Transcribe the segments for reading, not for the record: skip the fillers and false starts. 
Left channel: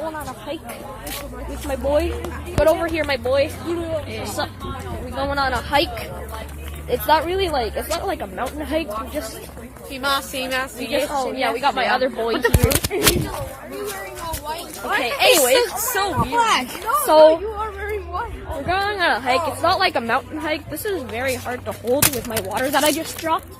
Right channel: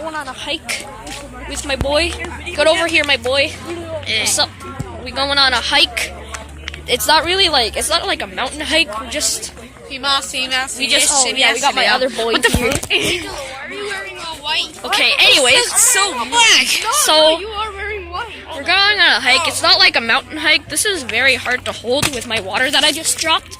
going on a hike with my boy. Get over here, my boy. What's up? We going on a hike. It's not really like, it's not like a mountain hike. We just, we got my other boy here. Why are you wearing all white? Okay, anyways. It's so black. So, You are wearing white. we're going on a hike. It's not like a mountain hike. This is very hard to hold with my water that I just dropped.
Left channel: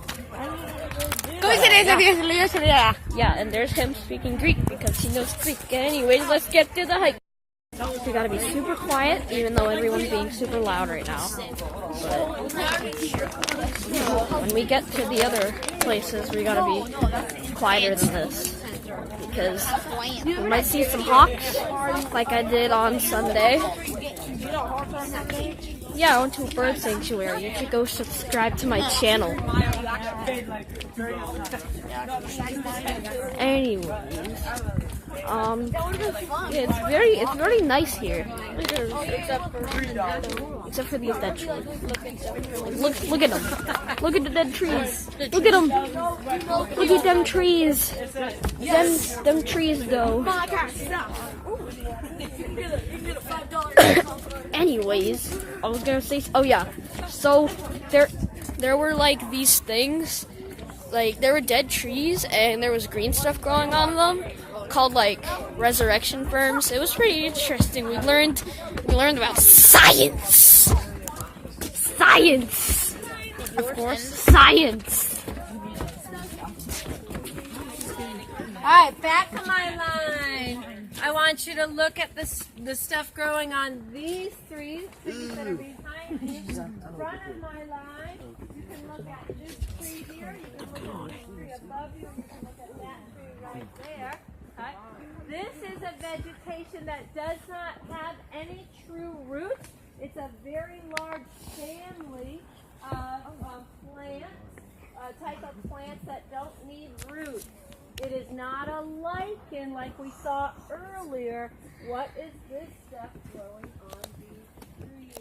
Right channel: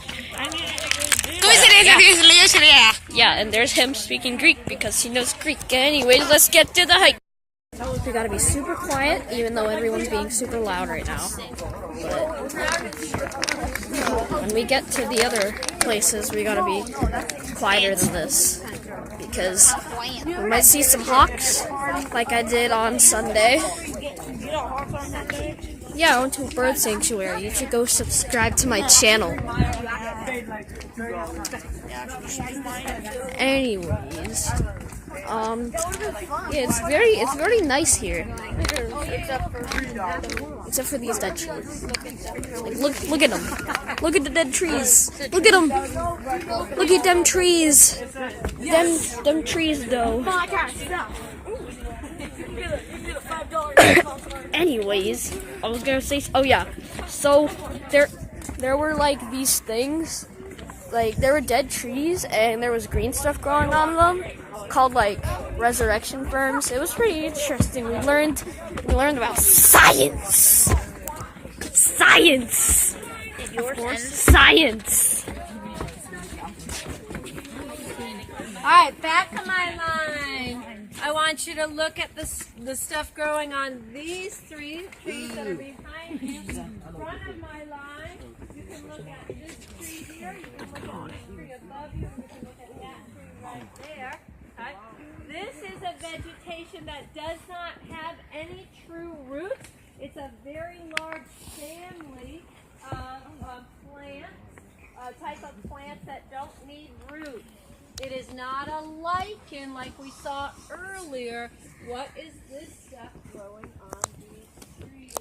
Yeah, and there's him speaking Greek because he knows Greek. Anyways, let's get to the hike. We gotta be super quiet, even though everyone's being super loud right now. But when we get to the other places, we gotta be quieter than this. Because we might see some hawks, like I did on Sunday. Yeah, I went to a bird sanctuary. You should go subscribe to my channel. Anyways, yeah, it's very nice here. Except for these dead trees. Look at them. Look at the dead trees. Look at them. Look at them trees. Them trees though. Anyways, I was gonna say, oh yeah, so there were like these things, like there were dead trees and there was green stuff growing on them, called like resurrection firms. It was pretty interesting. We learned about science. Alright, back to my line. I want you to look at the stuff growing on these three trees that are behind you. Front of my line, you can look at this tree here, you can look at the tree above you, and you can look at that tree right there. Okay? This is a vegetation that does not have any true roots. It's a very large family of plants, a type of plants that don't need roots. It is not a lichen like we saw earlier. What is this stuff growing on these trees?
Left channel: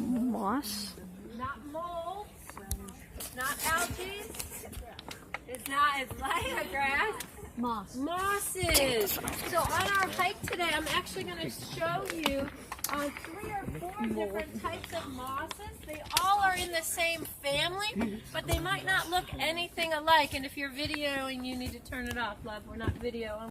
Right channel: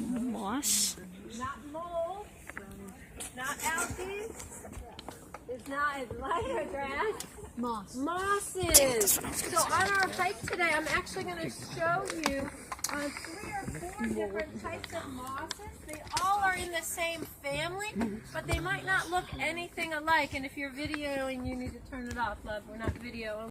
No, Moss. not mold. It's not algae. It's not as light a grass. Mosses. So on our hike today, I'm actually going to show you 3 or 4 different types of mosses. They all are in the same family, but they might not look anything alike. And if you're videoing, you need to turn it off, love. We're not videoing.